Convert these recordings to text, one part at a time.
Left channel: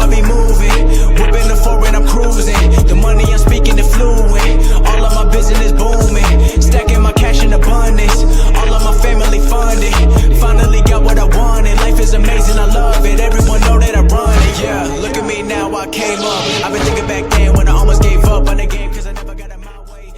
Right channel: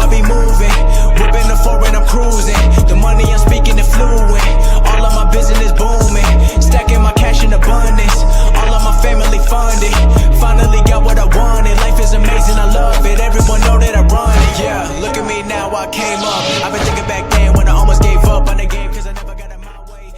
I be moving. Whipping the foreign, I'm cruising. The money I'm speaking is fluent. All of my business booming. Stacking my cash in abundance. All of my family funded. Finally got what I wanted. Life is amazing, I love it. Everyone know that I run it. Yeah, look at me now, I came up. I've been thinking back then when I almost gave up on the game, cause I never got it my way.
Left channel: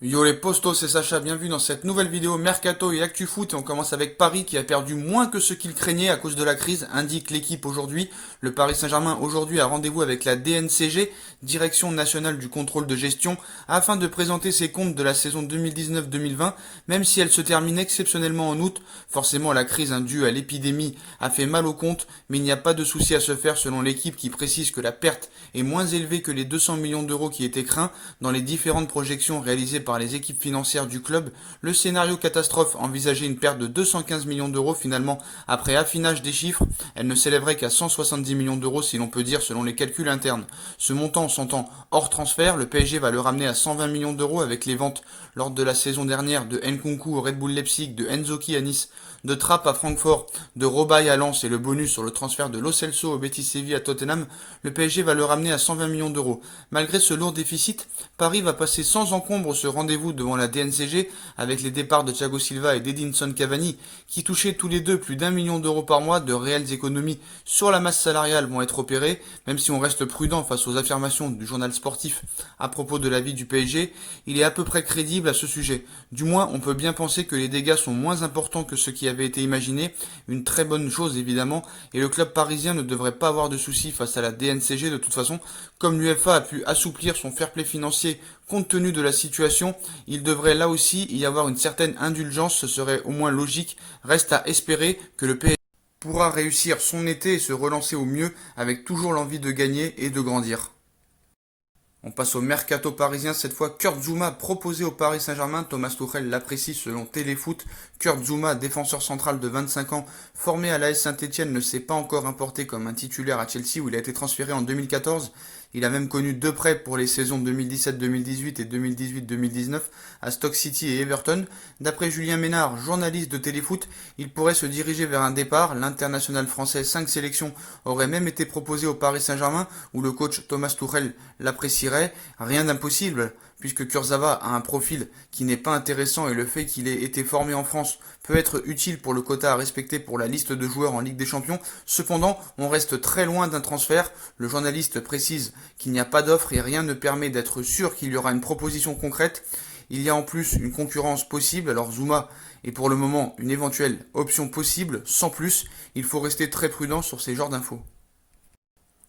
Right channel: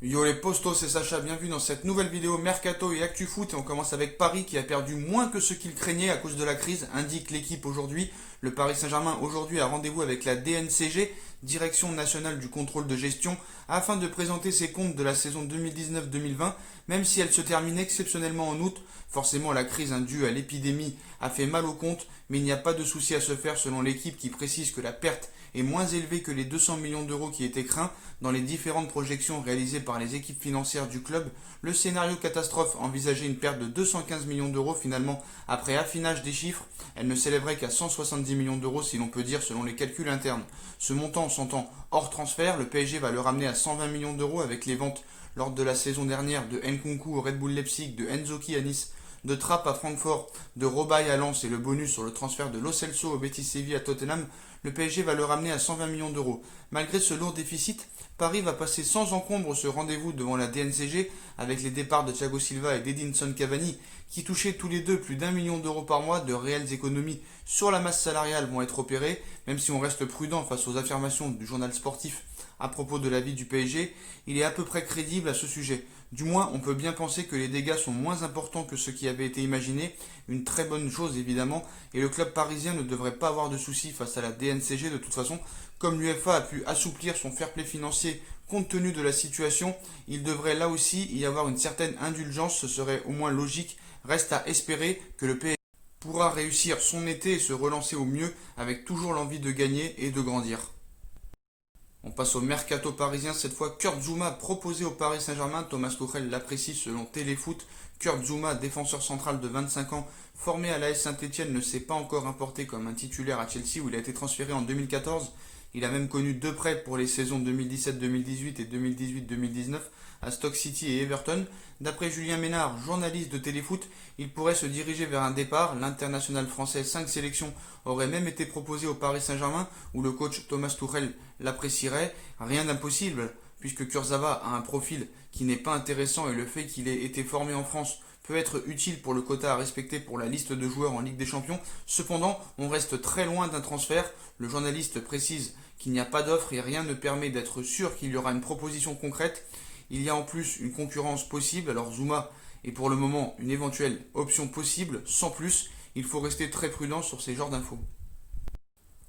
Yo les postos, c'est Sacha, bienvenue dans cette nouvelle vidéo Mercato et Actu Foot. Et on commence avec Paris qui a perdu moins que ce qu'il craignait à cause de la crise, indique l'équipe aujourd'hui. Le Paris Saint-Germain aujourd'hui a rendez-vous avec la DNCG, Direction Nationale du Contrôle de Gestion, afin de présenter ses comptes de la saison 2019-2020, même si elle se termine exceptionnellement en août. Forcément la crise due à l'épidémie a fait mal aux comptes, mais il n'y a pas de souci à se faire selon l'équipe qui précise que la perte est moins élevée que les 200 millions d'euros qui étaient craints dans les différentes projections réalisées par les équipes financières du club. Le scénario catastrophe envisageait une perte de 215 millions d'euros. Finalement, après affinage des chiffres, elle ne s'élèverait qu'à 170 millions d'euros si l'on peut dire selon les calculs internes. Ce montant s'entend hors transfert, le PSG va le ramener à 120 millions d'euros avec les ventes lors de la saison dernière de Nkunku au Red Bull Leipzig, de Nzoki à Nice, de Trapp à Francfort, de Robaille à Lens et le bonus sur le transfert de Lo Celso au Betis Séville à Tottenham, le PSG va le ramener à 120 millions d'euros. Malgré ce lourd déficit, Paris va passer sans encombre ce rendez-vous devant la DNCG avec les départs de Thiago Silva et d'Edinson Cavani qui touchaient tous les deux plus d'1 million d'euros par mois. De réelles économies sur la masse salariale vont être opérées, même si on reste prudent face aux affirmations du journal sportif à propos de l'avis du PSG, il est à peu près crédible à ce sujet. Du moins, on peut bien penser que les dégâts sont moins importants que ce qui avait été imaginé, une très bonne chose évidemment, et le club parisien ne devrait pas avoir de soucis face à la DNCG de toute façon. Comme l'UEFA a pu assouplir son fair play financier compte tenu de la situation, il devrait là aussi y avoir une certaine indulgence, ce serait au moins logique. Reste à espérer que le PSG pourra réussir son été et se relancer au mieux avec toujours l'envie de gagner et de grandir. On passe au mercato parisien, cette fois Kurt Zouma proposé au Paris Saint-Germain. Thomas Tuchel l'apprécie selon Téléfoot. Kurt Zouma, défenseur central de 25 ans, formé à l'AS Saint-Etienne, ne s'est pas encore importé comme un titulaire à Chelsea où il a été transféré en 2014. Il a même connu deux prêts pour les saisons 2017-2018 et 2018-2019 à Stoke City et Everton. D'après Julien Ménard, journaliste de Téléfoot, il pourrait se diriger vers un départ. L'international français 5 sélections aurait même été proposé au Paris Saint-Germain où le coach Thomas Tuchel l'apprécierait. Rien d'impossible puisque Kurzawa a un profil qui n'est pas intéressant et le fait qu'il ait été formé en France peut être utile pour le quota à respecter pour la liste de joueurs en Ligue des Champions. Cependant, on reste très loin d'un transfert. Le journaliste précise qu'il n'y a pas d'offre et rien ne permet d'être sûr qu'il y aura une proposition concrète. Il y a en plus une concurrence possible, alors Zouma est pour le moment une éventuelle option possible, sans plus. Il faut rester très prudent sur ces genres d'infos.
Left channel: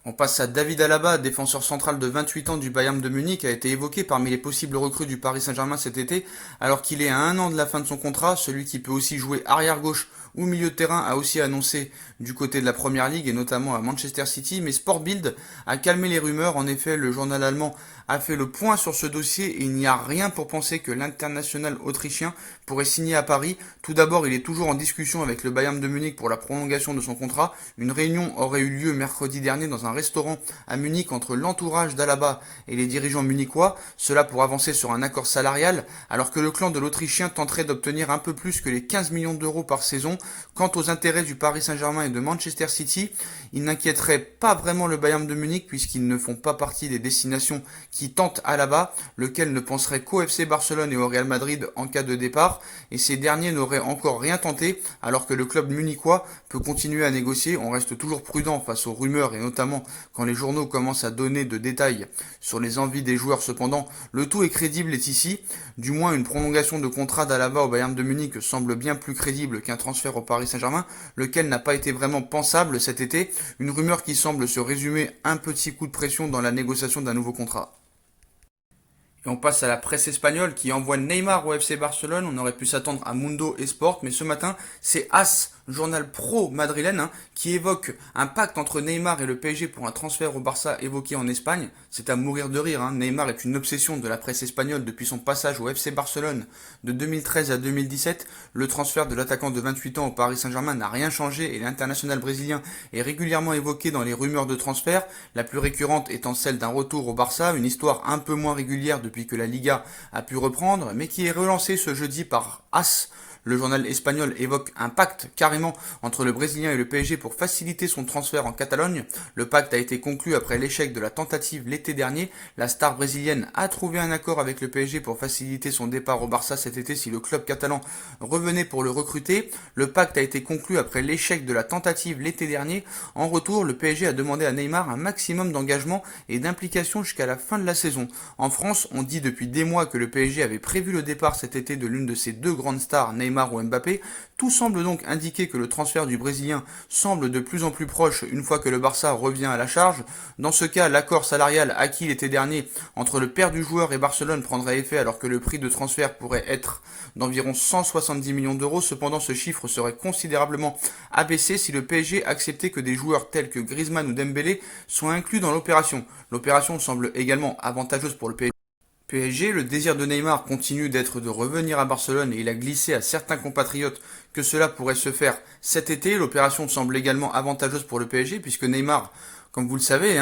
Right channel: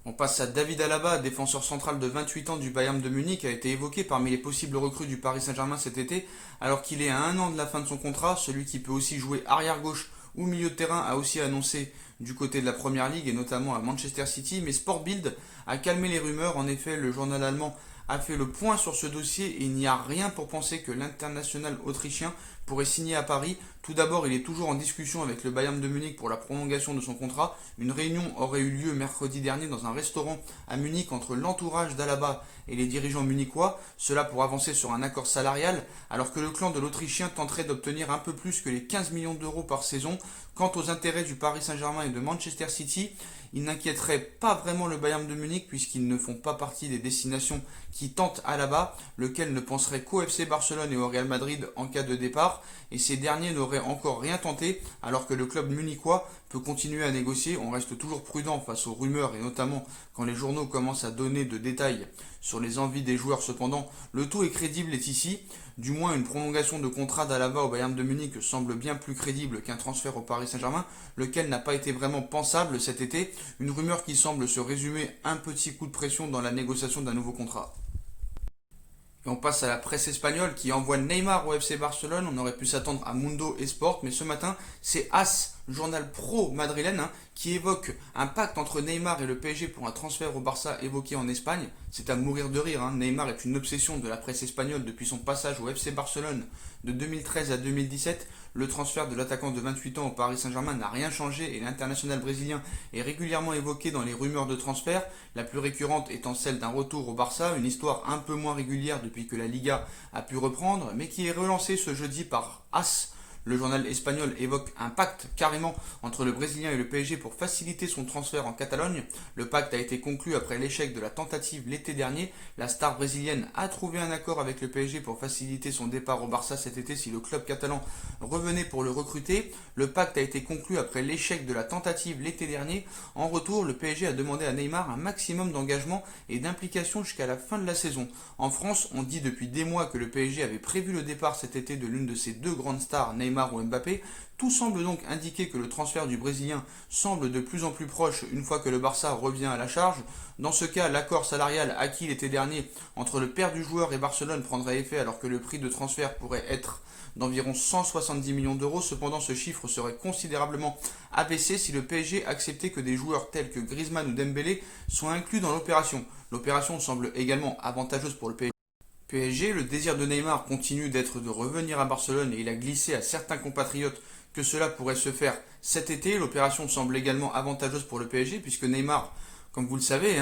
On passe à David Alaba, défenseur central de 28 ans du Bayern de Munich, a été évoqué parmi les possibles recrues du Paris Saint-Germain cet été, alors qu'il est à 1 an de la fin de son contrat. Celui qui peut aussi jouer arrière-gauche ou milieu de terrain a aussi annoncé du côté de la Première Ligue et notamment à Manchester City, mais Sport Bild a calmé les rumeurs. En effet, le journal allemand a fait le point sur ce dossier et il n'y a rien pour penser que l'international autrichien pourrait signer à Paris. Tout d'abord, il est toujours en discussion avec le Bayern de Munich pour la prolongation de son contrat. Une réunion aurait eu lieu mercredi dernier dans un restaurant à Munich entre l'entourage d'Alaba et les dirigeants munichois, cela pour avancer sur un accord salarial, alors que le clan de l'Autrichien tenterait d'obtenir un peu plus que les 15 millions d'euros par saison. Quant aux intérêts du Paris Saint-Germain et de Manchester City, ils n'inquiéteraient pas vraiment le Bayern de Munich puisqu'ils ne font pas partie des destinations qui tentent Alaba, lequel ne penserait qu'au FC Barcelone et au Real Madrid en cas de départ, et ces derniers n'auraient encore rien tenté, alors que le club munichois peut continuer à négocier. On reste toujours prudent face aux rumeurs et notamment quand les journaux commencent à donner de détails sur les envies des joueurs. Cependant, le tout est crédible est ici. Du moins, une prolongation de contrat d'Alaba au Bayern de Munich semble bien plus crédible qu'un transfert au Paris Saint-Germain, lequel n'a pas été vraiment pensable cet été. Une rumeur qui semble se résumer un petit coup de pression dans la négociation d'un nouveau contrat. Et on passe à la presse espagnole qui envoie Neymar au FC Barcelone. On aurait pu s'attendre à Mundo Esport, mais ce matin, c'est AS, journal pro madrilène, qui évoque un pacte entre Neymar et le PSG pour un transfert au Barça évoqué en Espagne. C'est à mourir de rire. Neymar est une obsession de la presse espagnole depuis son passage au FC Barcelone de 2013 à 2017. Le transfert de l'attaquant de 28 ans au Paris Saint-Germain n'a rien changé et l'international brésilien est régulièrement évoqué dans les rumeurs de transfert, la plus récurrente étant celle d'un retour au Barça, une histoire un peu moins régulière depuis que la Liga a pu reprendre, mais qui est relancée ce jeudi par AS, Le journal espagnol évoque un pacte carrément entre le Brésilien et le PSG pour faciliter son transfert en Catalogne. Le pacte a été conclu après l'échec de la tentative l'été dernier. La star brésilienne a trouvé un accord avec le PSG pour faciliter son départ au Barça cet été si le club catalan revenait pour le recruter. Le pacte a été conclu après l'échec de la tentative l'été dernier. En retour, le PSG a demandé à Neymar un maximum d'engagement et d'implication jusqu'à la fin de la saison. En France, on dit depuis des mois que le PSG avait prévu le départ cet été de l'une de ses deux grandes stars, Neymar ou Mbappé. Tout semble donc indiquer que le transfert du Brésilien semble de plus en plus proche une fois que le Barça revient à la charge. Dans ce cas, l'accord salarial acquis l'été dernier entre le père du joueur et Barcelone prendrait effet alors que le prix de transfert pourrait être d'environ 170 millions d'euros. Cependant, ce chiffre serait considérablement abaissé si le PSG acceptait que des joueurs tels que Griezmann ou Dembélé soient inclus dans l'opération. L'opération semble également avantageuse pour le PSG. Le désir de Neymar continue d'être de revenir à Barcelone et il a glissé à certains compatriotes que cela pourrait se faire cet été. L'opération semble également avantageuse pour le PSG puisque Neymar, comme vous le savez,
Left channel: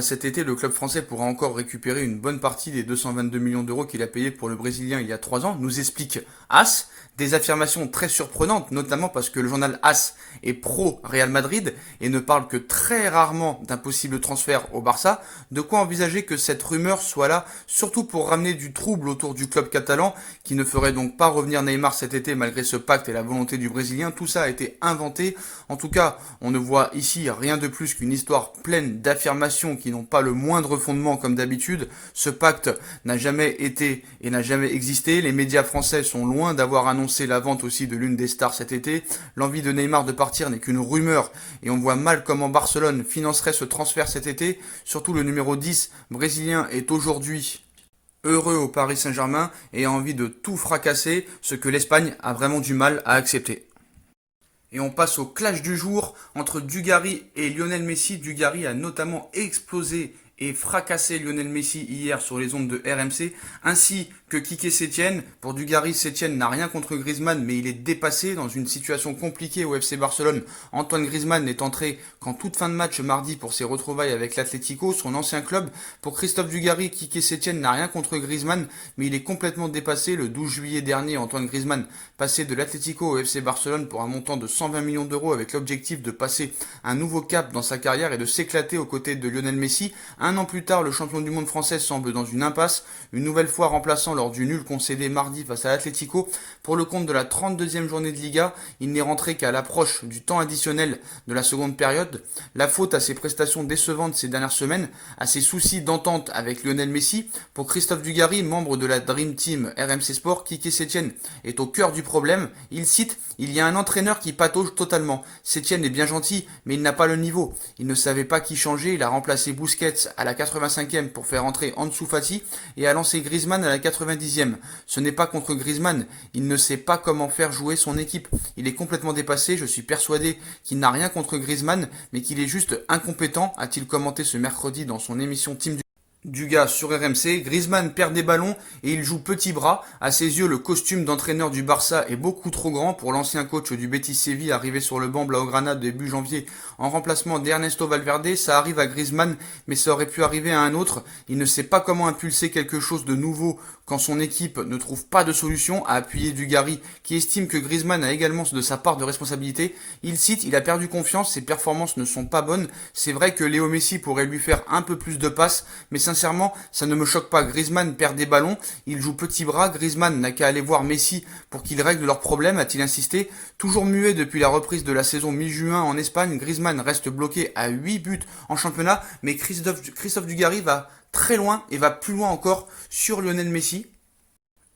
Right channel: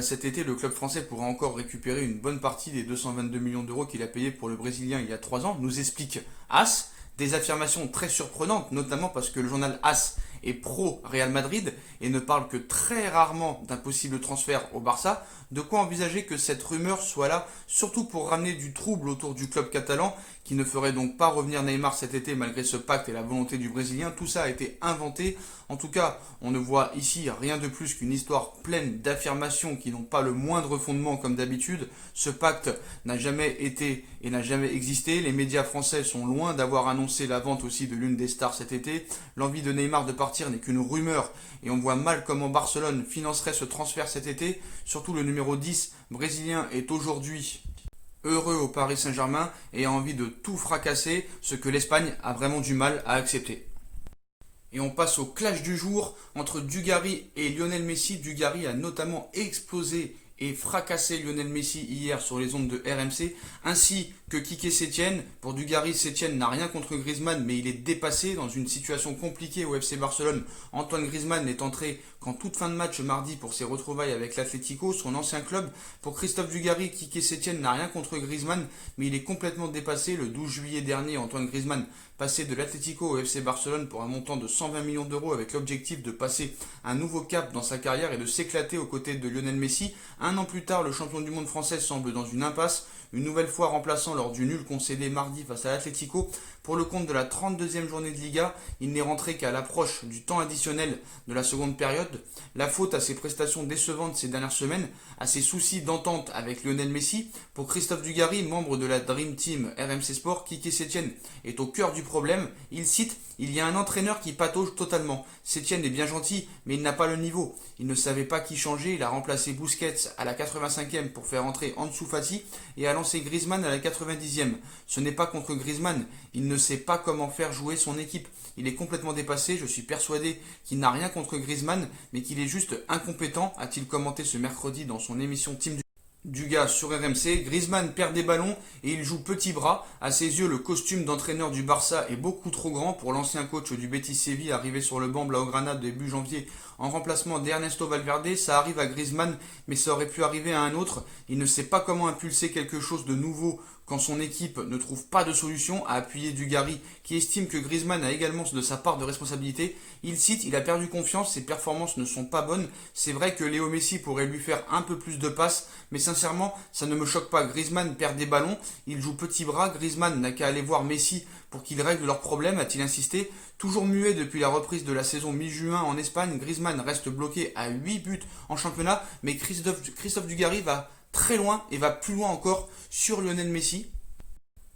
cet été, le club français pourra encore récupérer une bonne partie des 222 millions d'euros qu'il a payé pour le Brésilien il y a 3 ans, nous explique AS. Des affirmations très surprenantes, notamment parce que le journal AS est pro-Real Madrid et ne parle que très rarement d'un possible transfert au Barça. De quoi envisager que cette rumeur soit là, surtout pour ramener du trouble autour du club catalan, qui ne ferait donc pas revenir Neymar cet été malgré ce pacte et la volonté du Brésilien. Tout ça a été inventé. En tout cas, on ne voit ici rien de plus qu'une histoire pleine d'affirmations qui n'ont pas le moindre fondement comme d'habitude. Ce pacte n'a jamais été et n'a jamais existé. Les médias français sont loin d'avoir annoncé la vente aussi de l'une des stars cet été. L'envie de Neymar de partir n'est qu'une rumeur et on voit mal comment Barcelone financerait ce transfert cet été. Surtout le numéro 10 brésilien est aujourd'hui heureux au Paris Saint-Germain et a envie de tout fracasser, ce que l'Espagne a vraiment du mal à accepter. Et on passe au clash du jour entre Dugarry et Lionel Messi. Dugarry a notamment explosé et fracassé Lionel Messi hier sur les ondes de RMC, ainsi que Quique Sétienne. Pour Dugarry, Sétienne n'a rien contre Griezmann, mais il est dépassé dans une situation compliquée au FC Barcelone. Antoine Griezmann n'est entré qu'en toute fin de match mardi pour ses retrouvailles avec l'Atlético, son ancien club. Pour Christophe Dugarry, Quique Sétienne n'a rien contre Griezmann, mais il est complètement dépassé. Le 12 juillet dernier, Antoine Griezmann passait de l'Atlético au FC Barcelone pour un montant de 120 millions d'euros avec l'objectif de passer un nouveau cap dans sa carrière et de s'éclater aux côtés de Lionel Messi. Un an plus tard, le champion du monde français semble dans une impasse, une nouvelle fois remplaçant lors du nul concédé mardi face à l'Atlético. Pour le compte de la 32e journée de Liga, il n'est rentré qu'à l'approche du temps additionnel de la seconde période. La faute à ses prestations décevantes ces dernières semaines, à ses soucis d'entente avec Lionel Messi. Pour Christophe Dugarry, membre de la Dream Team RMC Sport, Quique Sétienne est au cœur du problème. Il cite: « Il y a un entraîneur qui patauge totalement. Sétienne est bien gentil, mais il n'a pas le niveau. Il ne savait pas qui changer, il a remplacé Busquets à la 85e pour faire entrer Ansu Fati et a lancé Griezmann à la 90e. Ce n'est pas contre Griezmann, il ne sait pas comment faire jouer son équipe. Il est complètement dépassé, je suis persuadé qu'il n'a rien contre Griezmann, mais qu'il est juste incompétent », a-t-il commenté ce mercredi dans son émission Team Dugas sur RMC. Griezmann perd des ballons et il joue petit bras. À ses yeux, le costume d'entraîneur du Barça est beaucoup trop grand pour l'ancien coach du Betis Séville arrivé sur le banc blaugrana début janvier en remplacement d'Ernesto Valverde. Ça arrive à Griezmann, mais ça aurait pu arriver à un autre. Il ne sait pas comment impulser quelque chose de nouveau quand son équipe ne trouve pas de solution, a appuyé Dugarry, qui estime que Griezmann a également de sa part de responsabilité. Il cite: « Il a perdu confiance, ses performances ne sont pas bonnes. C'est vrai que Léo Messi pourrait lui faire un peu plus de passes, mais sincèrement, ça ne me choque pas. Griezmann perd des ballons, il joue petit bras. Griezmann n'a qu'à aller voir Messi pour qu'il règle leurs problèmes », a-t-il insisté. Toujours muet depuis la reprise de la saison mi-juin en Espagne, Griezmann reste bloqué à 8 buts en championnat, mais Christophe Dugarry va très loin et va plus loin encore sur Lionel Messi.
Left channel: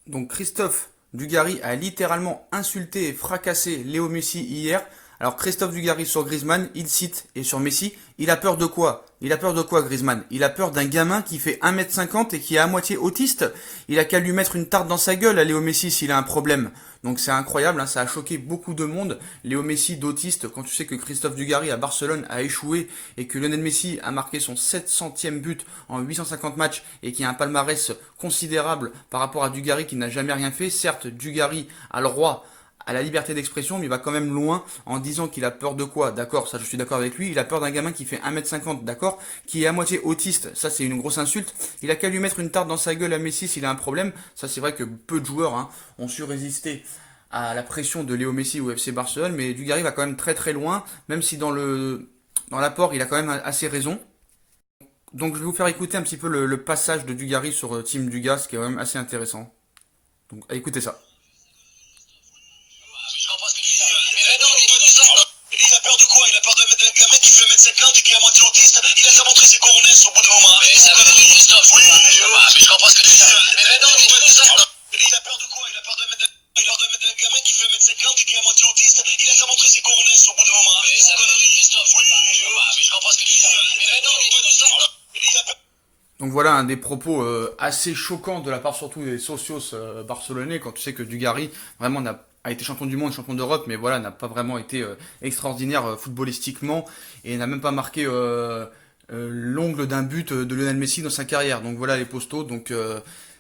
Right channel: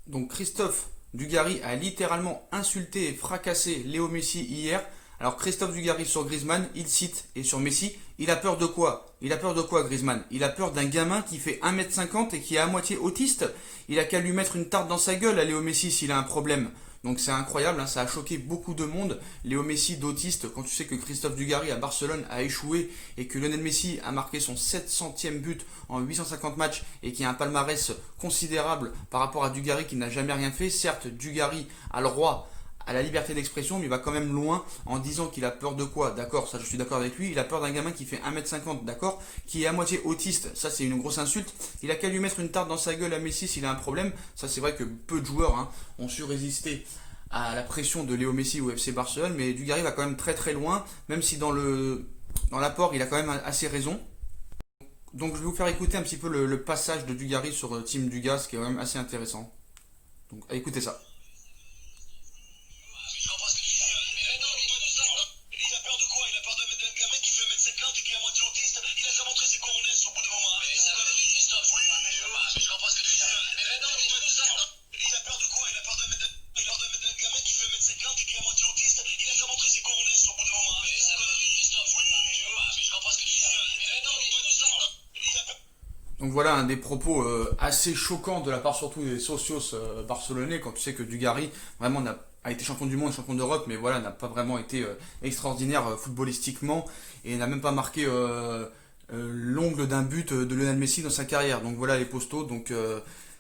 Donc Christophe Dugarry a littéralement insulté et fracassé Léo Messi hier. Alors Christophe Dugarry sur Griezmann, il cite, et sur Messi, il a peur de quoi? Il a peur de quoi Griezmann? Il a peur d'un gamin qui fait 1m50 et qui est à moitié autiste. Il a qu'à lui mettre une tarte dans sa gueule à Léo Messi s'il a un problème. Donc c'est incroyable, ça a choqué beaucoup de monde. Léo Messi d'autiste, quand tu sais que Christophe Dugarry à Barcelone a échoué et que Lionel Messi a marqué son 700e but en 850 matchs et qui a un palmarès considérable par rapport à Dugarry qui n'a jamais rien fait. Certes, Dugarry a le droit à la liberté d'expression, mais il va quand même loin en disant qu'il a peur de quoi? D'accord, ça je suis d'accord avec lui. Il a peur d'un gamin qui fait 1m50, d'accord, qui est à moitié autiste, ça c'est une grosse insulte. Il a qu'à lui mettre une tarte dans sa gueule à Messi s'il a un problème. Ça c'est vrai que peu de joueurs ont su résister à la pression de Léo Messi au FC Barcelone, mais Dugarry va quand même très très loin, même si dans l'apport il a quand même assez raison. Donc je vais vous faire écouter un petit peu le passage de Dugarry sur Team Dugas, qui est quand même assez intéressant. Donc écoutez ça. Je comprends ce que tu dis. Mais non, il a peur de quoi? Il a peur d'un gamin qui fait 1m50 et qui est à moitié autiste. Il a déjà montré ses coronets au bout d'un moment. Mais ça veut dire Christophe. Oui, mais je comprends ce que tu dis. Mais non, dis-toi tout ça. Il a peur de quoi? Il a peur d'un gamin qui fait 1m50 et qui est à moitié autiste. Il a déjà montré ses coronets au bout d'un moment. Mais ça veut dire Christophe. Oui, mais je comprends ce que tu dis. Mais non, dis-toi tout ça. Il a peur. Donc voilà un des propos assez choquants de la part surtout des socios barcelonais, quand tu sais que Dugarry vraiment a été champion du monde, champion d'Europe, mais voilà, n'a pas vraiment été extraordinaire footballistiquement et n'a même pas marqué l'ongle d'un but de Lionel Messi dans sa carrière. Donc voilà les postos. Donc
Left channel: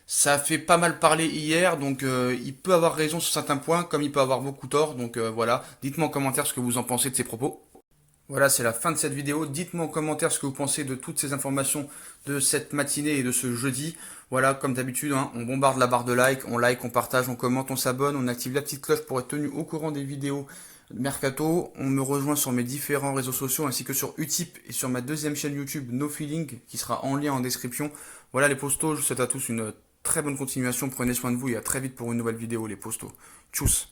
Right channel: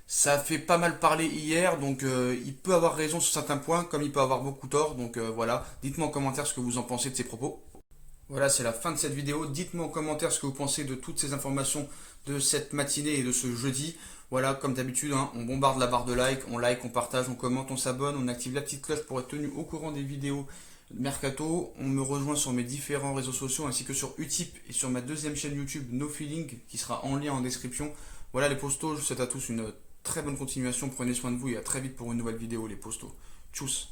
ça a fait pas mal parler hier. Donc il peut avoir raison sur certains points, comme il peut avoir beaucoup tort. Donc voilà, dites-moi en commentaire ce que vous en pensez de ces propos. Voilà, c'est la fin de cette vidéo. Dites-moi en commentaire ce que vous pensez de toutes ces informations de cette matinée et de ce jeudi. Voilà, comme d'habitude, hein, on bombarde la barre de like, on partage, on commente, on s'abonne, on active la petite cloche pour être tenu au courant des vidéos Mercato. On me rejoint sur mes différents réseaux sociaux ainsi que sur Utip et sur ma deuxième chaîne YouTube No Feeling qui sera en lien en description. Voilà les postos, je vous souhaite à tous une très bonne continuation. Prenez soin de vous et à très vite pour une nouvelle vidéo les postos. Tchuss.